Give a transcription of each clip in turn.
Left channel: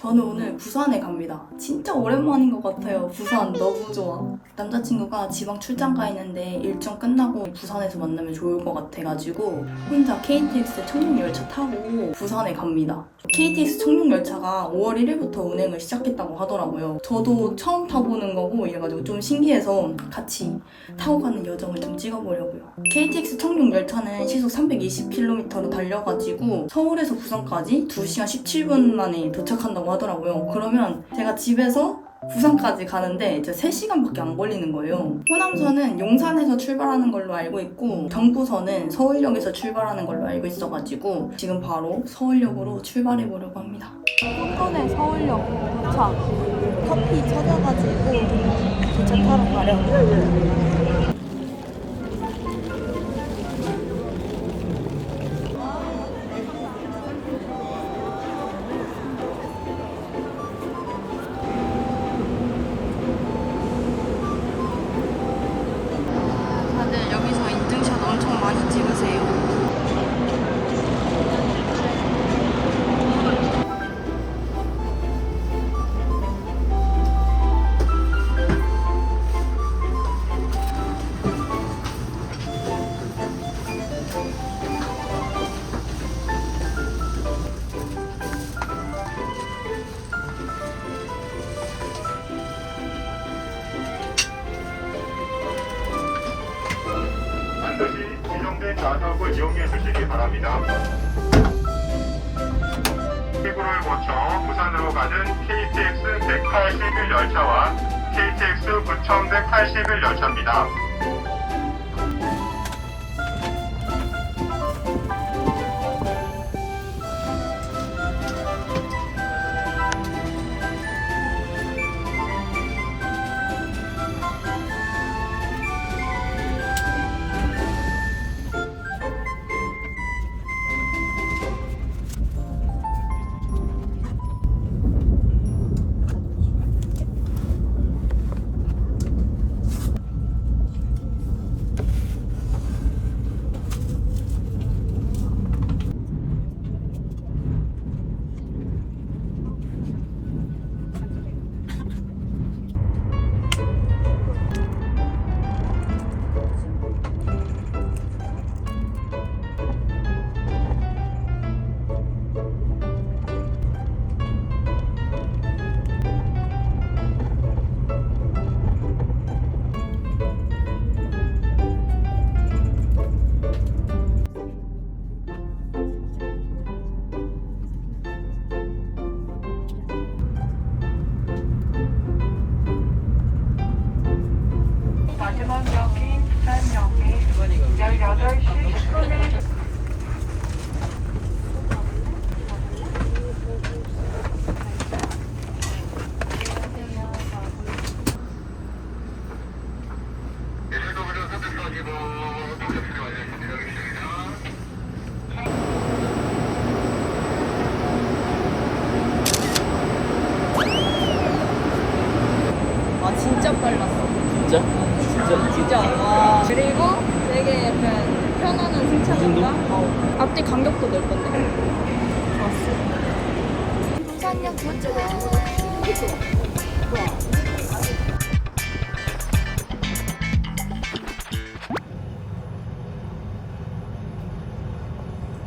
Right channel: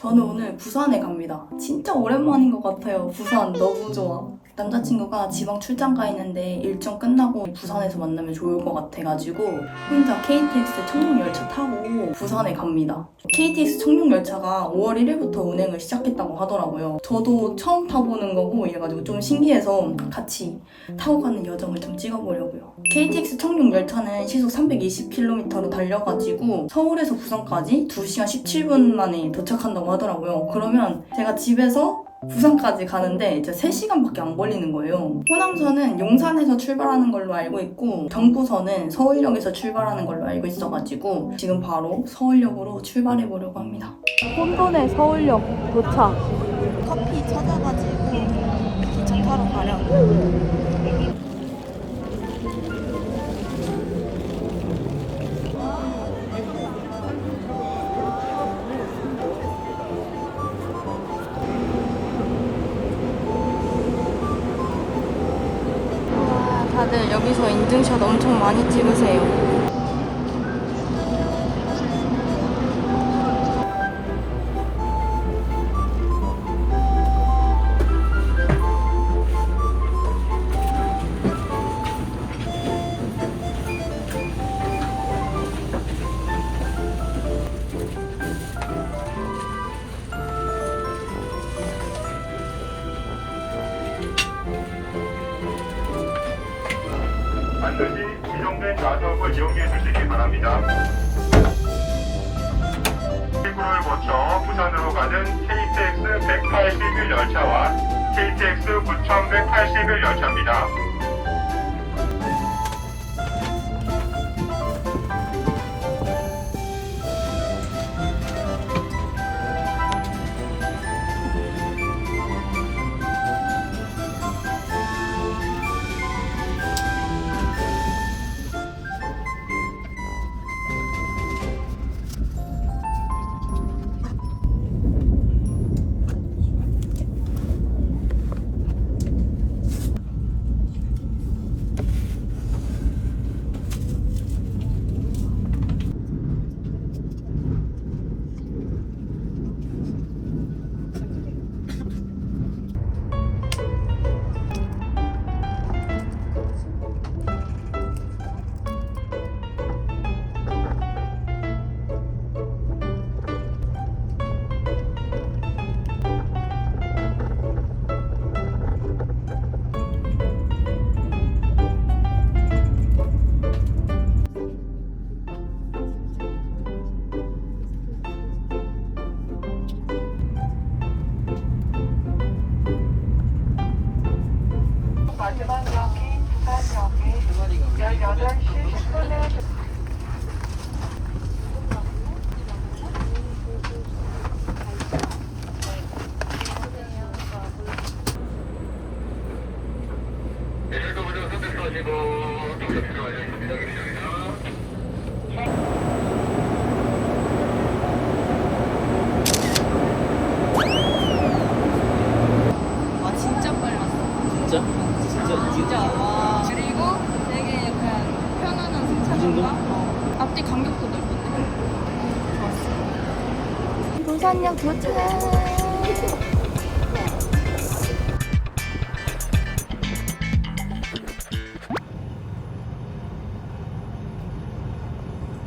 저는 오늘 부산에 갑니다. 진짜 오랜만인 것 같아요. 부산 너무 좋아. 남자친구가 지방 출장 가 있는데 일정 끝나고 부산에서 만나면 좋을 것 같아가지고 혼자 KTX 청룡열차 타고 부산에 갑니다. KTX 청룡열차가 5월 1일부터 운행을 시작했다고 하더라고요. 저도 처음 타보는 거고 이래가지고 좀 신기해서 같이 타고 가는 여정을 좀 찍어보려고요. KTX 청룡열차는 시속 320km로 달려가지고 서울에서 부산까지 2시간 17분 만에 도착한다고 하더라고요. 그러면 제가 집에서 부산까지 가는데 이제 3시간밖에 안 걸리는 거예요. 호남선은 용산에서 출발하는 걸로 알고 있고 경부선은 서울역에서 출발하는 걸로 알고 있어가지고 지금 바로 서울역으로 출발해 보려고 합니다. 혼돈의 서울역 도착. 커피 찾아가지고 기차 타러 가려고.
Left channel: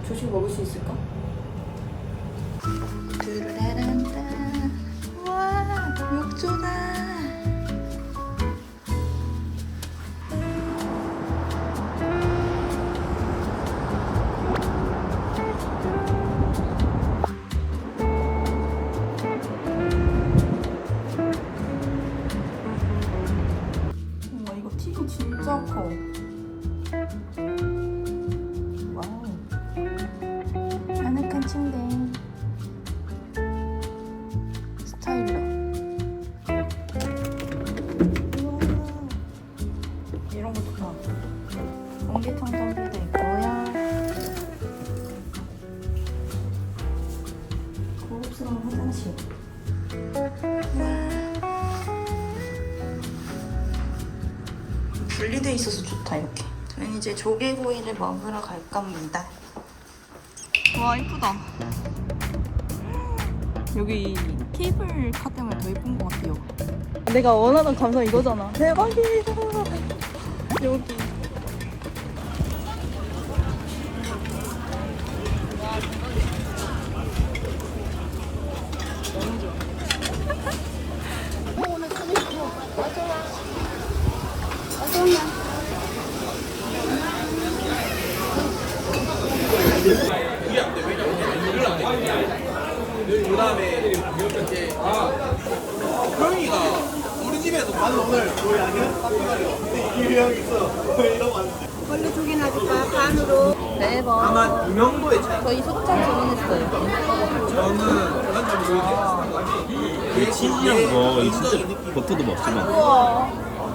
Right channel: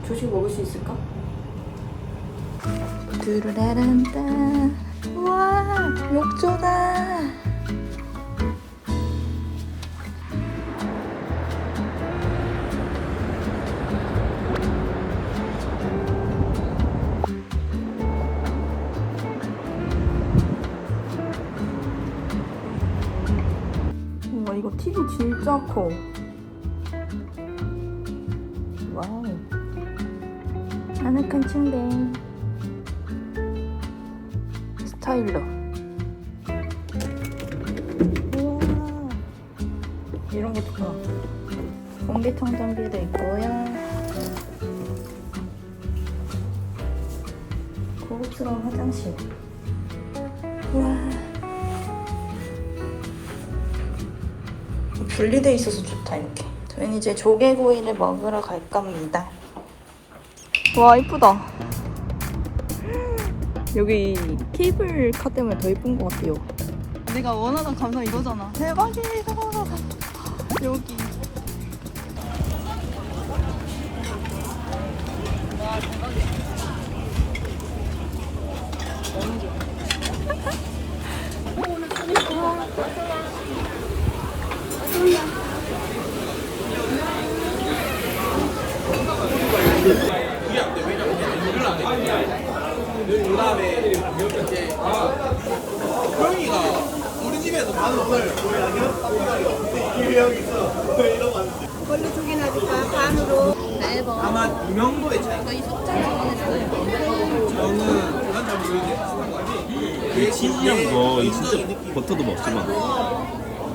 조식 먹을 수 있을까? 두루라란 아늑한 침대. 스타일러. 이런 거 좋다 공기청정기도 있고요. 고급스러운 화장실. 우와. 분리돼 있어서 좋다 이렇게. 저희는 이제 조개구이를 먹으러 갈 겁니다 와 이쁘다 여기 케이블카 때문에 더 예쁜 것 같아요. 내가 원하는 감성 이거잖아. 대박이다. 여기. 걸로 두 개나 줄까? 반으로. 대박. 아마 유명도의 차이. 저희 소장 주문했어요. 저는 그건 잘 모르겠는데. 이 치즈향 거, 이 진짜 버터도 먹지만.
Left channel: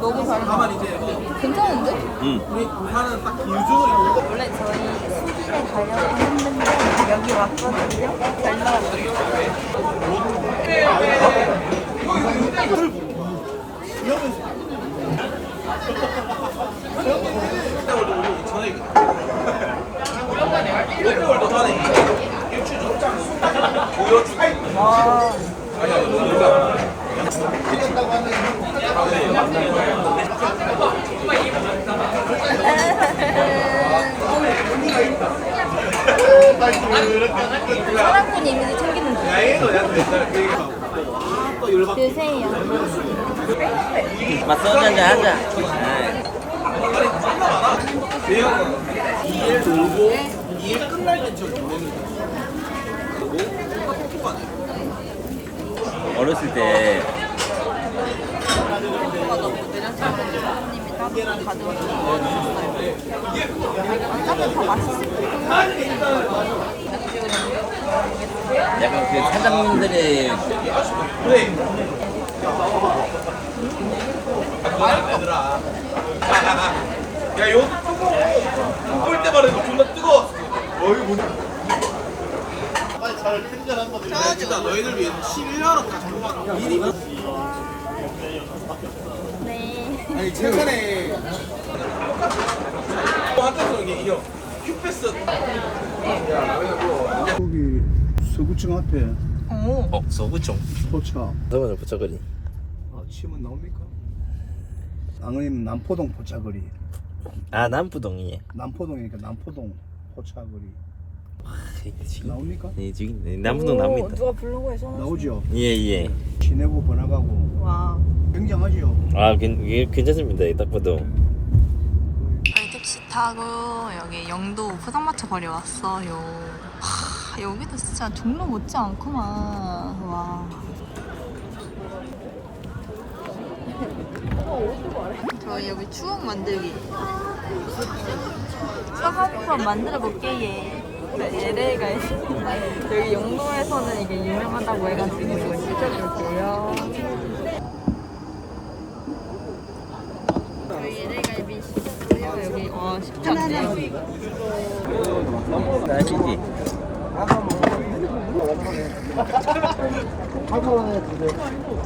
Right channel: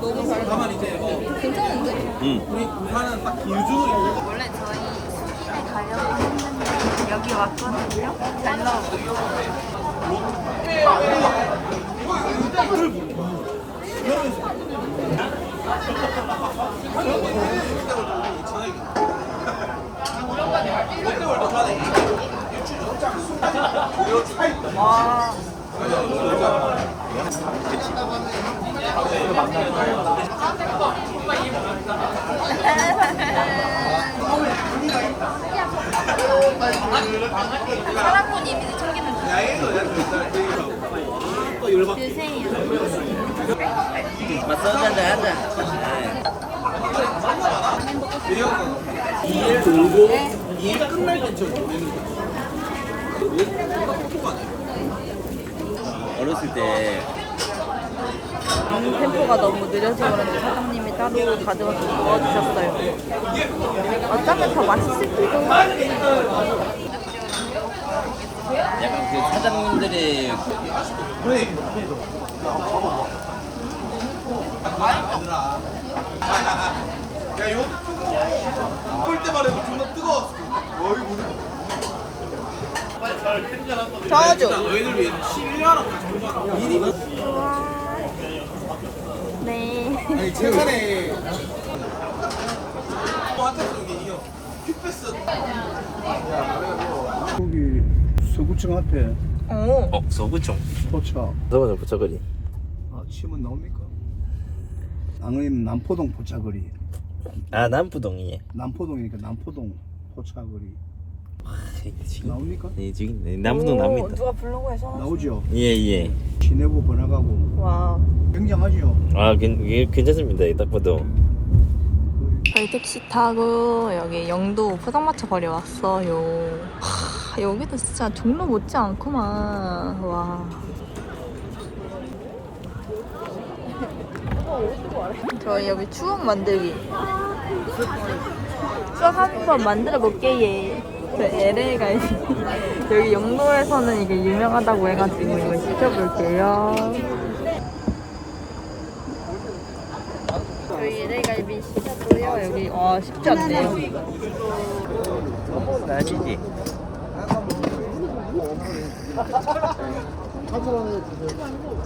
너무 잘 다만 이제 괜찮은데? 응. 우리 부산은 딱 기준으로 원래 저희 수길에 가려고 했는데 여기 왔거든요. 잘 나와. 사랑꾼 이미지 약간 옛날에 그 드세요. 일 돌고 일 끝날 때쯤 보내는 거야. 어렸을 때 템포가 너무 느려서 그런지 사장님이 따로 가져와서. 어차피 더 맛있을 거고. 약간 그 사장님들의. 얘들아. 야, 요 뜨거워. 끓 때만 해도 존나 뜨거워. 어이 뭐냐. 저어줘. 너희들 위해 11년을 다 정말 미리 네. 아니 최근에 또 한때도 이게 이거 큐패스 거기 서구청 앞에 오. 어, 서구청. 포차 저번에 부처거리. 아 치면 나옵니까? 아니면 남포동 포차거리 아, 남부동이에. 남포동이니까 남포동 포차거리 아, 이게 지금. 나옵니까? 네, 지금 네, 남부동 나옵니다. 누가 블로그에 써놨어. 나오죠 예, 예. 시내부 번화가고 와. 굉장하죠 아, 괜, 이게 괜찮습니다. 이딱 봐도. 택시 타고 여기 영도 포장마차 거리 왔어요. 하, 여기도 진짜 종로 못지 않구만. 와. 저희 여기 추억 만들기. 추억 한번 만들어 볼게 얘. 얘를 가 여기 영도에서는 이게 유명하다고 해가지고 이거 시켜볼게요. 저희 LA갈비 시켰어요. 아 쉽지 않네요. 맛있지?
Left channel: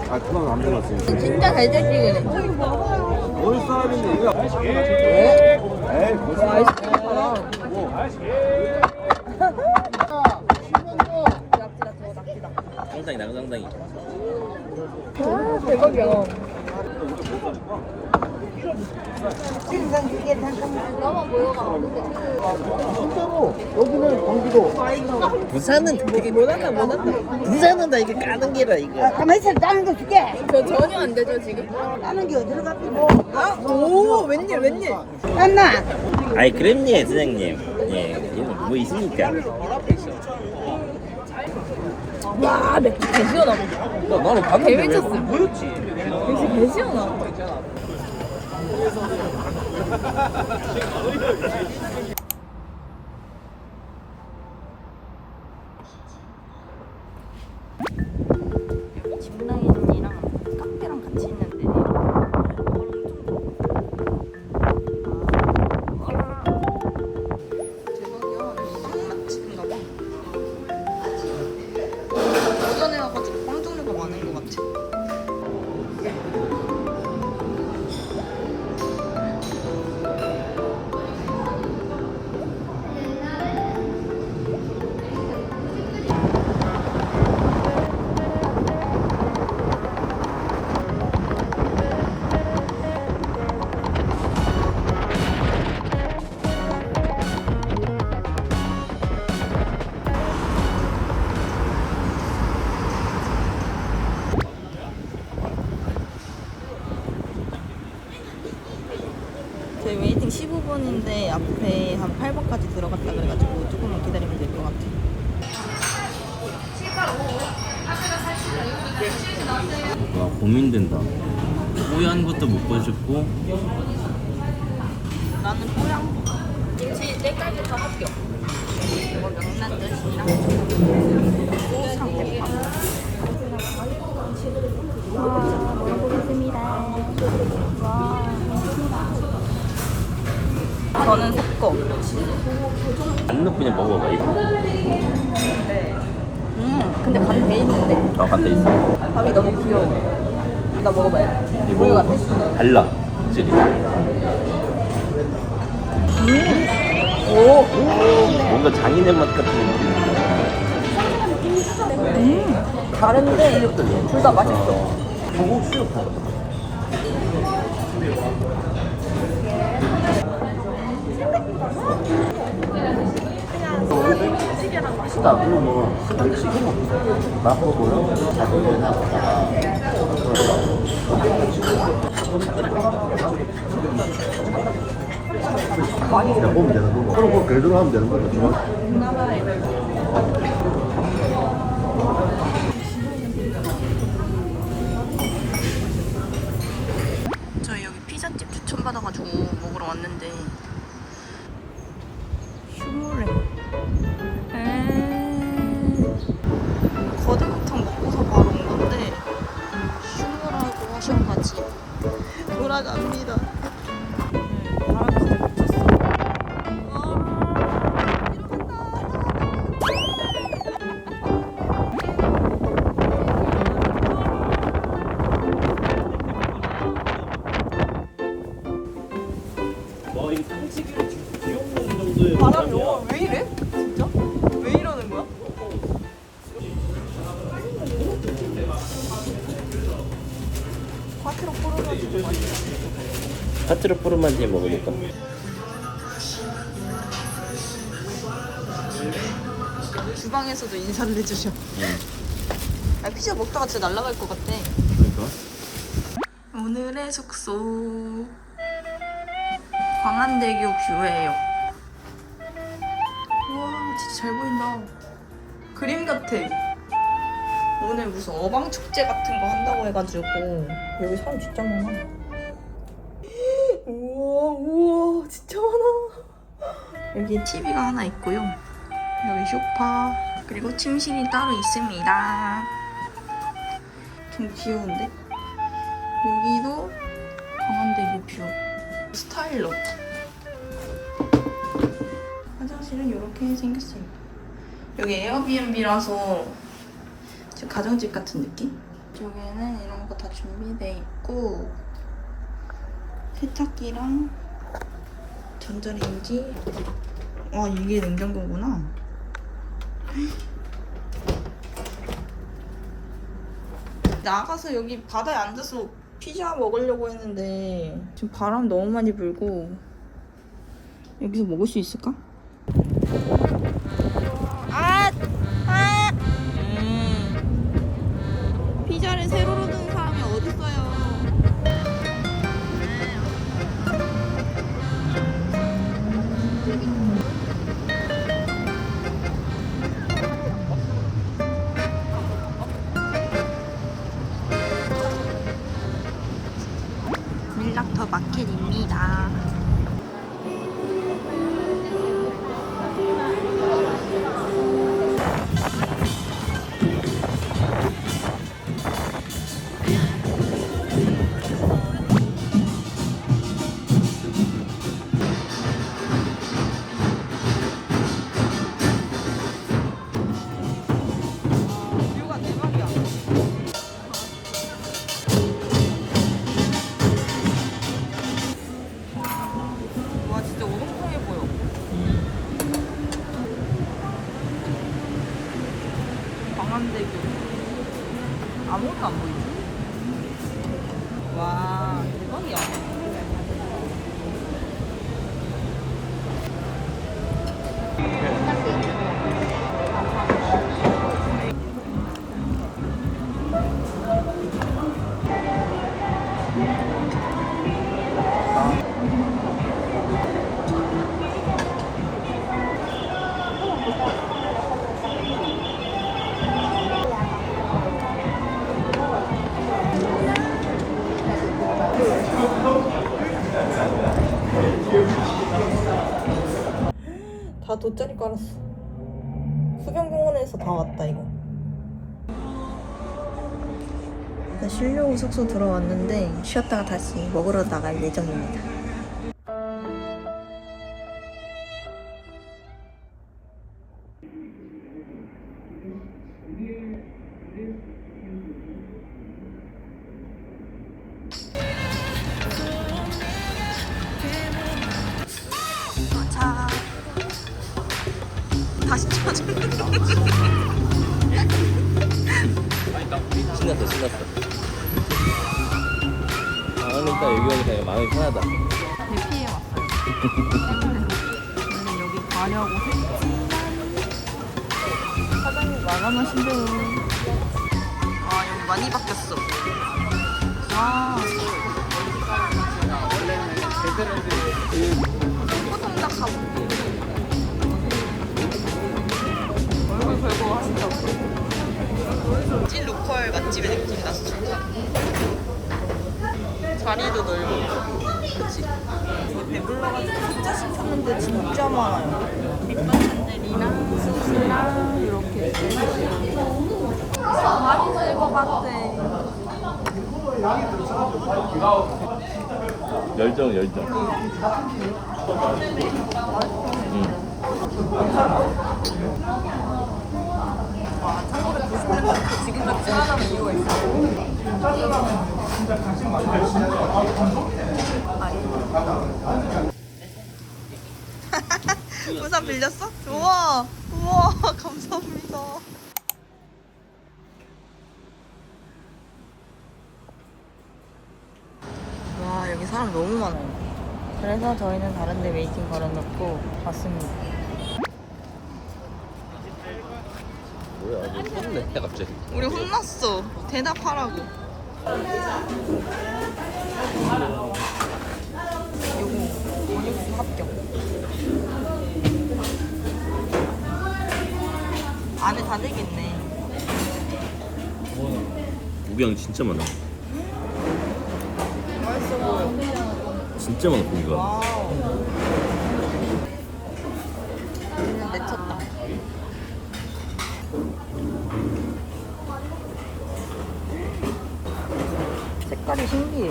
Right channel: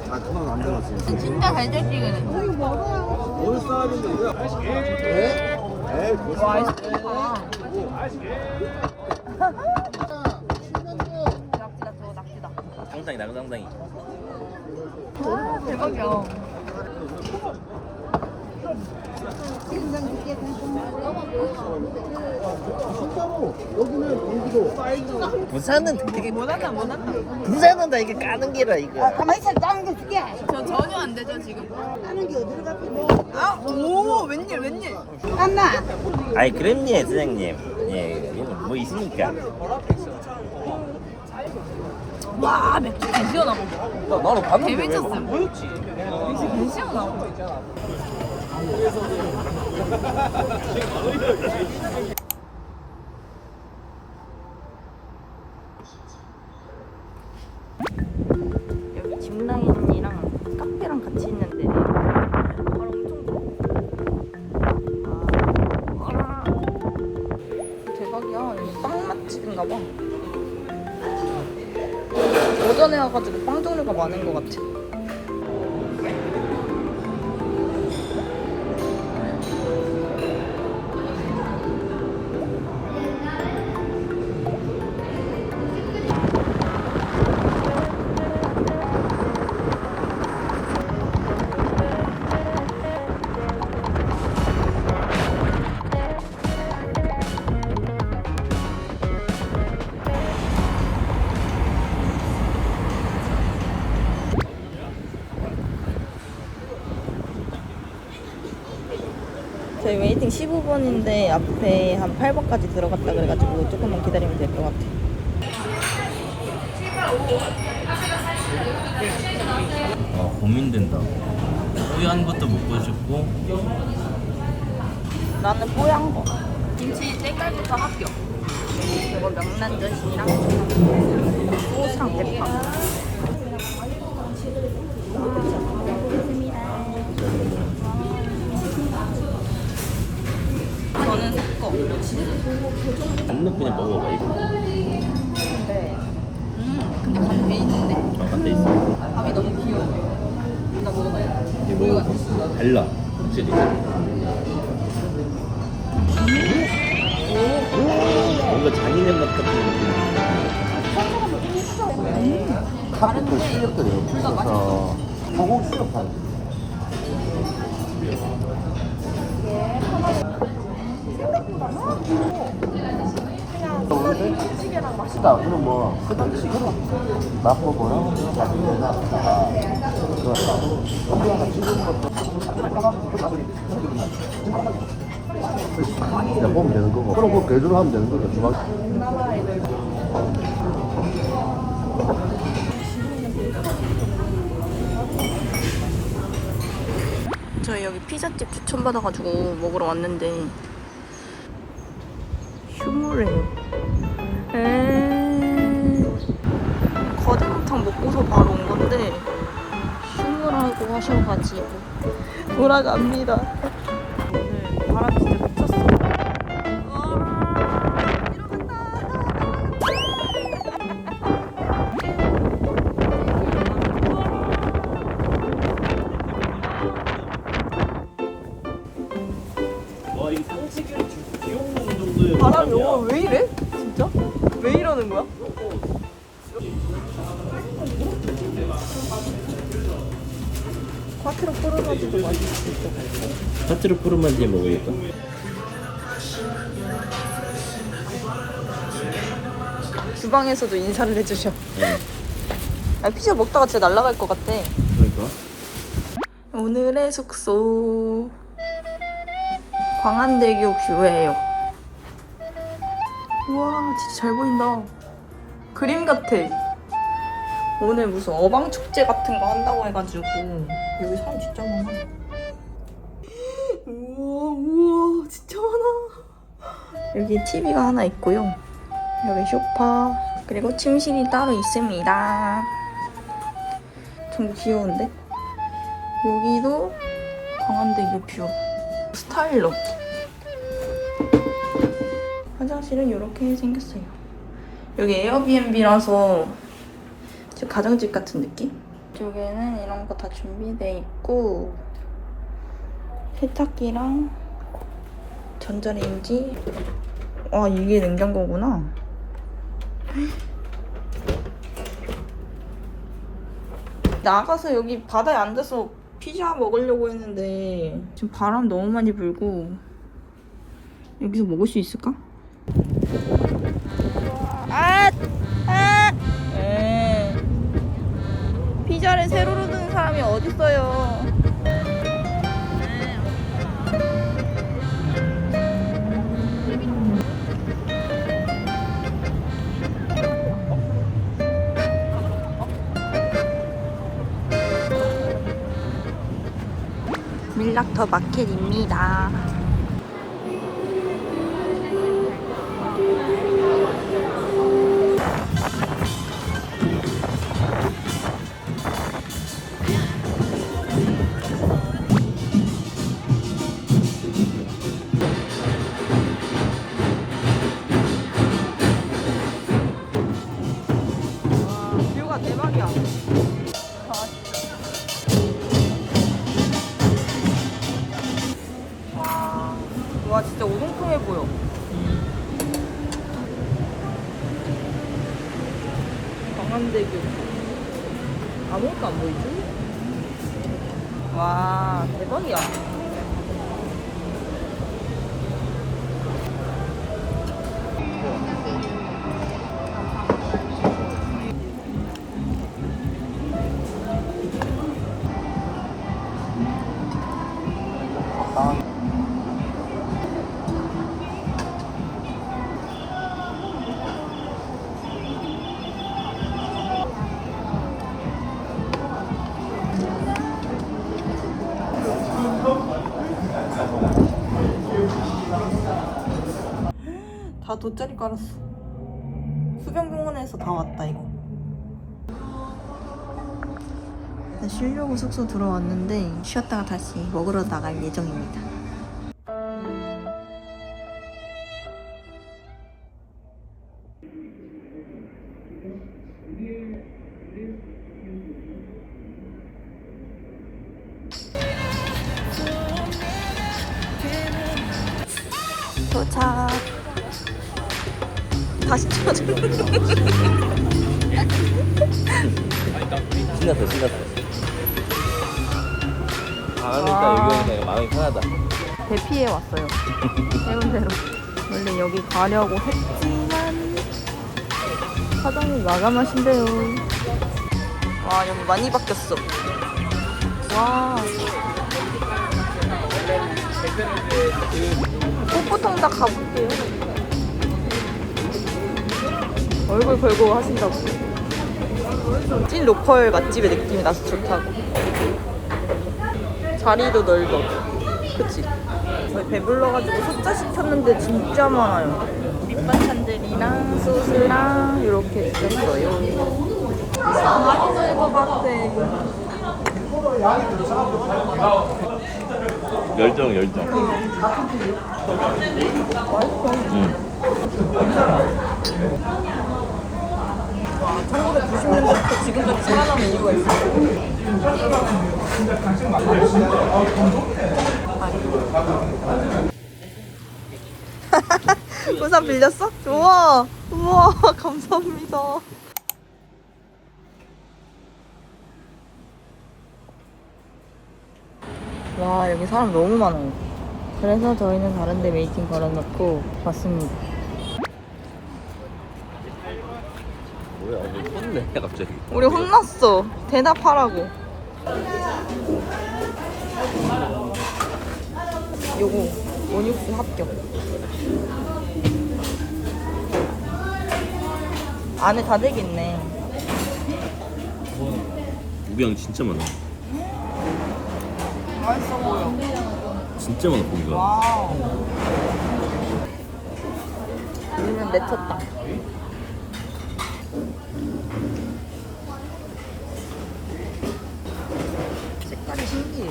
아 그건 안 들었어요 진짜 달달지근해. 어느 사람인데 와 아이스크림 사람. 낙지다 저거 낙지다. 상당히 나상당히. 와 대박이야. 부산은 되게 못한다 못한다. 부산은 다 이게 까는 게라 이거. 가만히 있어, 다른 거 줄게. 저 전혀 안 되죠 지금? 다른 게 어디로 갔겠노? 아, 오 웬일 웬일. 안나. 아이 그럼요 사장님. 예, 이건 뭐 있습니까? 와 맥주 개 시원하고. 나는 개 미쳤음. 역시 개 시원하고. 그래서 그냥 15번인데 앞에 한 8번까지 들어갔다 그래가지고 조금만 기다리면 될 것 같아. 아, 고민된다. 뿌연 것도 먹고 싶고 나는 뽀얀 거. 김치 때깔부터 합격. 이거 명란젓이랑 소스랑 대파. 저는 섞어. 안 넣고 그냥 먹어봐 이거. 음, 근데 간돼 있는데? 아, 반대 있어. 밥이 너무 귀여워. 나 먹어봐요. 우유 같아. 달라. 그치? 뭔가 잔인한 것 같은 다른데 둘 다 맛있어. 고급스 럽다. 그럼 그래도 하면 되는 거죠. 저희 여기 피자집 추천받아가지고 먹으러 왔는데 휴무레 음 하셔가지고. 돌아갑니다 파트로 푸르만지 먹으니까. 주방에서도 인사를 해주셔. 응. 아, 피자 먹다가 진짜 날아갈 것 같아. 그러니까. 오늘의 숙소 광안대교 뷰예요. 우와 진짜 잘 보인다. 그림 같아. 오늘 무슨 어방 축제 같은 거 한다고 해가지고 여기 사람 진짜 많아. 우와 우와 진짜 많아. 여기 TV가 하나 있고요. 여기 쇼파 그리고 침실이 따로 있습니다. 좀 귀여운데? 여기도 광안대교 뷰 스타일러 화장실은 이렇게 생겼어요 여기 에어비앤비라서 즉 가정집 같은 느낌? 이쪽에는 이런 거 다 준비돼 있고 세탁기랑 전자레인지? 아 이게 냉장고구나. 나가서 여기 바다에 앉아서 피자 먹으려고 했는데. 지금 바람 너무 많이 불고 여기서 먹을 수 있을까? 마켓입니다. 다 돗자리 깔았어. 수변공원에서 다 왔다 이거. 쉬려고 숙소 들어왔는데 쉬었다가 다시 먹으러 나갈 예정입니다. 많이 바뀌었어. 와. 가볼게. 얼굴 걸고 하신다고. 찐 로컬 맛집의 느낌이 나서 좋다고. 자리도 넓어. 그치? 저희 배불러가지고 숫자 시켰는데 진짜 많아요. 밑반찬들이랑 소스랑 이렇게 있어요. 맛있을 것 같아. 열정 열정 와, 1990년대부터 지금까지 살아남은 이유가 있어. 아니. 우산 빌렸어? 우와, 우와, 감사합니다. 와, 여기 사람 너무 많아요. 그래서 저희는 다른데 웨이팅 걸어놓고 왔습니다. 우리 혼났어. 대답하라고. 요거 원육수 합격. 안에 다 되겠네. 고기양 진짜 많아 진짜 많아 고기가. 오늘 맺혔다. 색깔이 신기해.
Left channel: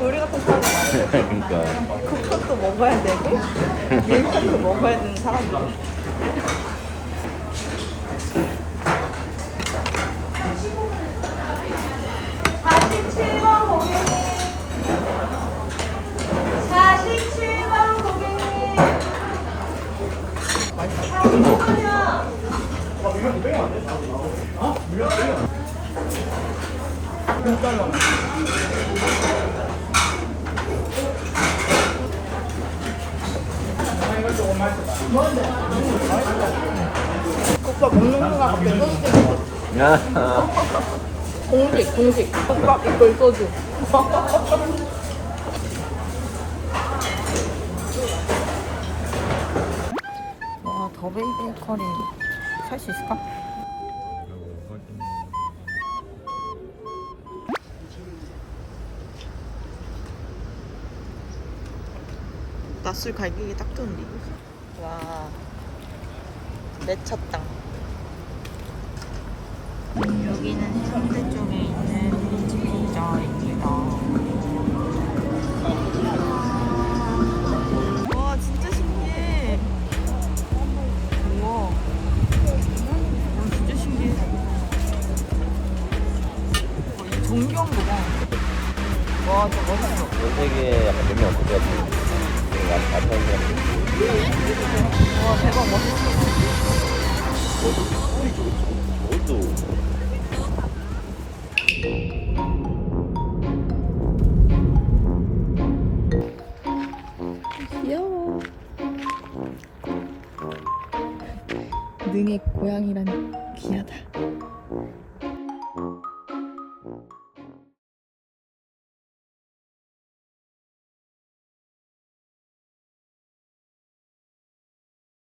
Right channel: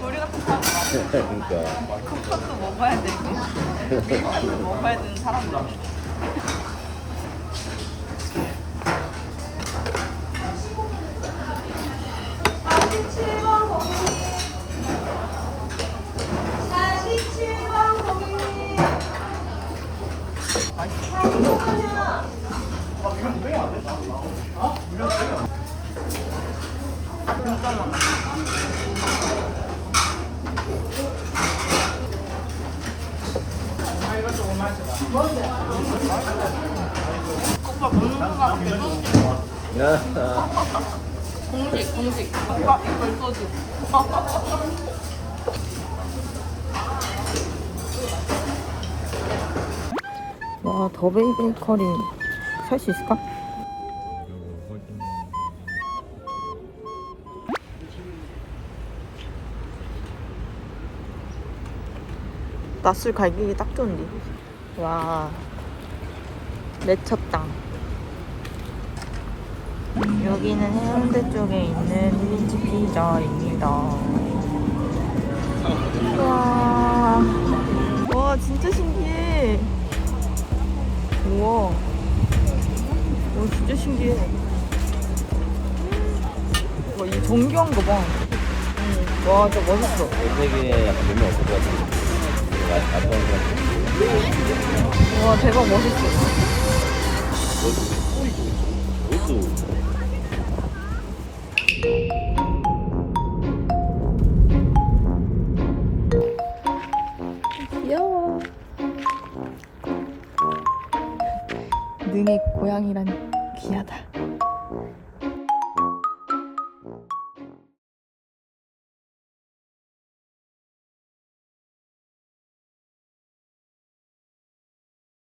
우리 같은 사람이 많은 거지. 쿠폰도 먹어야 되고, 밀판도 먹어야 되는 사람들. 진짜 많아. 국밥 먹는 순간 갑자기 소주 생겼어. 공식, 공식. 국밥 이걸 소주. 와, 더베이글 커리 살 수 있을까? 낮술 갈기기 딱 좋은데. 와, 맺혔다. 여기는 해운대 쪽에 있는 비치 피자입니다. 와, 와 진짜 신기해. 우와, 와 진짜 신기해. 와, 이거 봐. 와, 진짜 멋있어. 되게 약간 별명 없을 것 같아 귀여워. 능의 고양이란.